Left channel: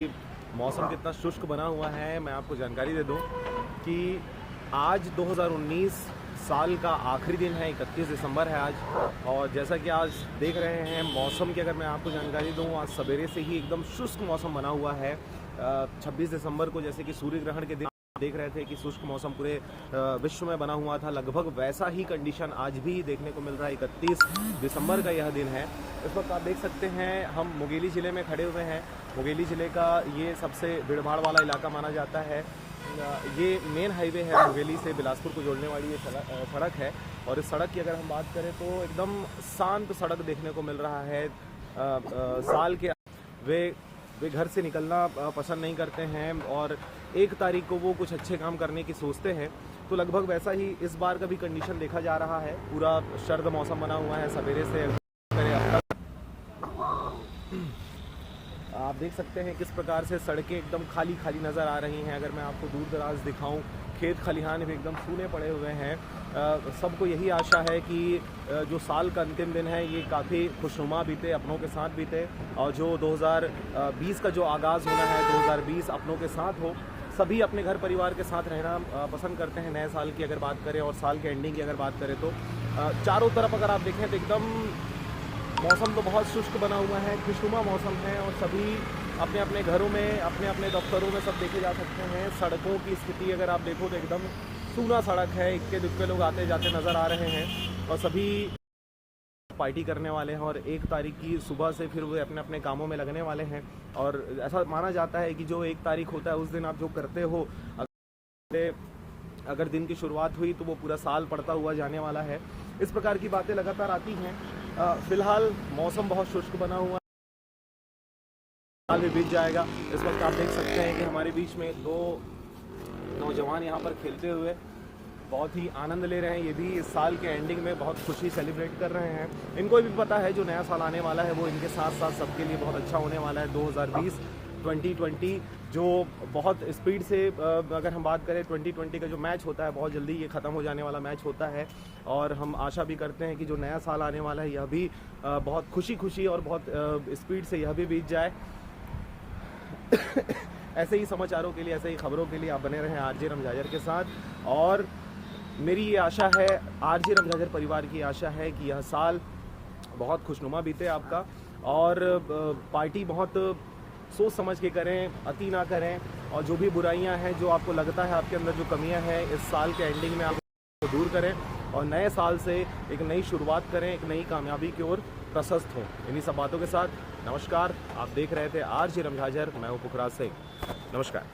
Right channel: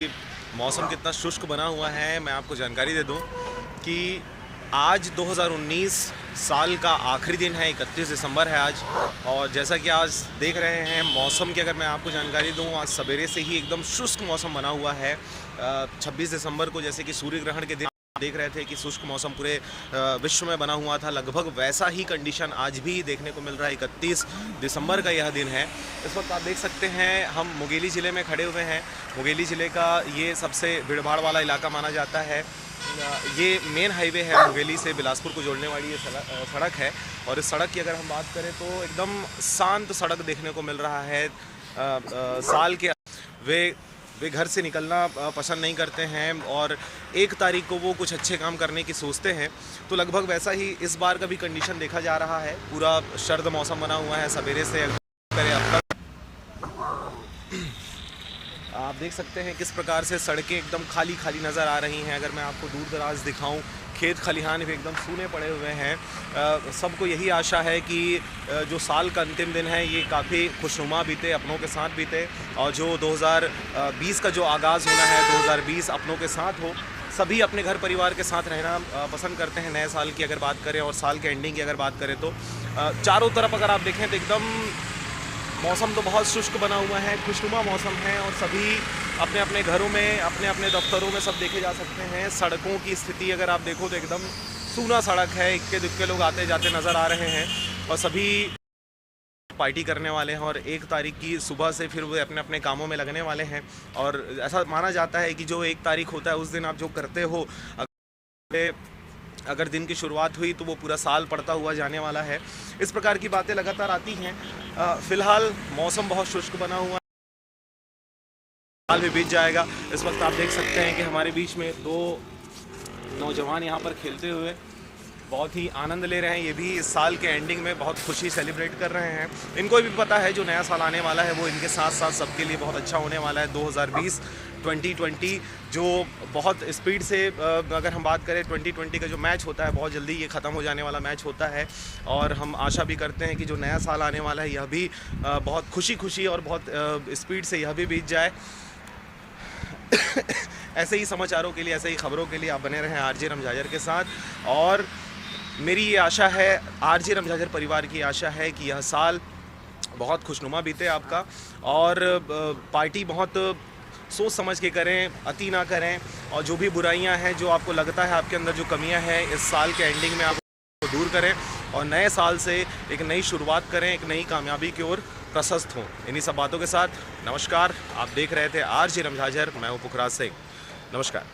कि मौसम कितना शुष्क बना हुआ है। मैं आपको जानकारी दे दूं कि आज 2019 साल का आखिरी दिन है, 31 दिसंबर है आज। और जैसा कि आज देख रहे हैं मौसम की, अगर मैं आपको जानकारी दूं, आज सवेरे से ही एकदम शुष्क मौसम बना हुआ है। 26 दिसंबर को जैसे कि सूर्य ग्रहण के दिन देख रहे थे कि शुष्क मौसम पूरे विश्व में बना हुआ था, लगभग वैसा ही कंडीशन आज भी देखने को मिल रहा है। 31 दिसंबर का यह दिन है। इस वक्त आप देख सकते हैं हम मुंगेली ज़िले में खड़े हुए हैं। मुंगेली ज़िले का ये सबसे भीड़भाड़ वाला इलाका माना जाता है। ये मेन हाईवे है, मुंगेली से बिलासपुर को जोड़ने वाली ये सड़क है। और इस सड़क की अगर हम बात करें तो एकदम शांत सड़क देखने को मिल रहा है। साल के वे घर से निकलना पसंद नहीं करते हैं और 1 तारीख को वो कुछ अच्छे काम करने की सोचते हैं। तो लगभग वैसा ही इस बार का भी कंडीशन देखा जा रहा है। पूरा सर्द मौसम बना हुआ है सवेरे से। आप देख सकते हैं किस प्रकार से सड़कें एकदम खाली खाली नज़र आ रही हैं। अगर मैं आपको दूर दराज दिखाऊं, खेत खलिहान भी एकदम सूने पड़े हुए हैं। सबको यही आशा है कि जो साल का अंतिम दिन है ये काफ़ी खुशनुमा बीते, अपनों के साथ बीते। और जो 2020 का जो आगाज़ होना है, 2020 अपनों के साथ हो। सभी अपने घर परिवार के साथ रहना पसंद करते हैं नए साल की अगर बात करें, और साल के एंडिंग की अगर बात करें तो चारों तरफ अगर आप देखें तो एकदम मौसम तो बहुत शुष्क बना हुआ है, खुशनुमा मौसम है। और सभी अपने अपने घरों में, अपने अपने दफ्तरों में सब देखे जा सकते हैं। सड़कों की स्थिति अगर आप देखो तो एकदम सूना सड़क है, इक्के दुक्के लोग आते जाते नज़र आ रहे हैं। और सभी पार्टी करने वाले हैं और 1 तारीख की सुबह से फिर वो अपने अपने कामों में लगने वाले हैं। और ऐसा माना जाता है कि जो 1 तारीख होता है उस दिन आप जो करते हो, अगर दिन की शुरुआत हुई तो वो पूरा साल पड़ता हुआ जाने वाला है। इस प्रकार की बातें लगातार आती हैं। फ़िलहाल मौसम बहुत शुष्क बना हुआ है, साल भी बीत जाएगा। इस वक्त आप देख सकते हैं कि हमारे बीच में 2 नौजवान यहाँ पर खेलते हुए बहुत ही आनंद ले रहे हैं। ये भी इस साल के एंडिंग में बहुत खुशी सेलिब्रेट कर रहे हैं। इनको भी पता है जो नया साल आने वाला है वो इनके साथ साथ सबके लिए बहुत अच्छा होने वाला है। 2020 जो बहुत स्पीड से, अगर हम बात करें 2020 का जो मैच होता है, बहुत जल्दी ये ख़त्म हो जाने वाला मैच होता है। और हम आशा भी करते हैं कि जो नया साल आने वाला है यह भी बहुत खुशी और बहुत स्पीड से यह भी बीत जाए। ऐसे ही समाचारों के लिए, ऐसे ही खबरों के लिए आप बने रहें आरजे रमजाजर के साथ। और मेरी ये आशा है, आरजे रमजाजर परिवार की आशा है कि यह साल बहुत खुशनुमा बीते आपका। और पार्टी बहुत सोच समझ के करें, अति ना करें। और जो भी बुराइयां हैं, जो आपको लगता है आपके अंदर जो कमियां हैं, इस साल के एंडिंग में आप दूर करें और नए साल से एक नई शुरुआत करें, एक नई कामयाबी की ओर प्रशस्त हों। इन्हीं सब बातों के साथ नमस्कार। आप देख रहे थे आरजे रमजाजर, मैं हूँ पुखराज सिंह। नमस्कार।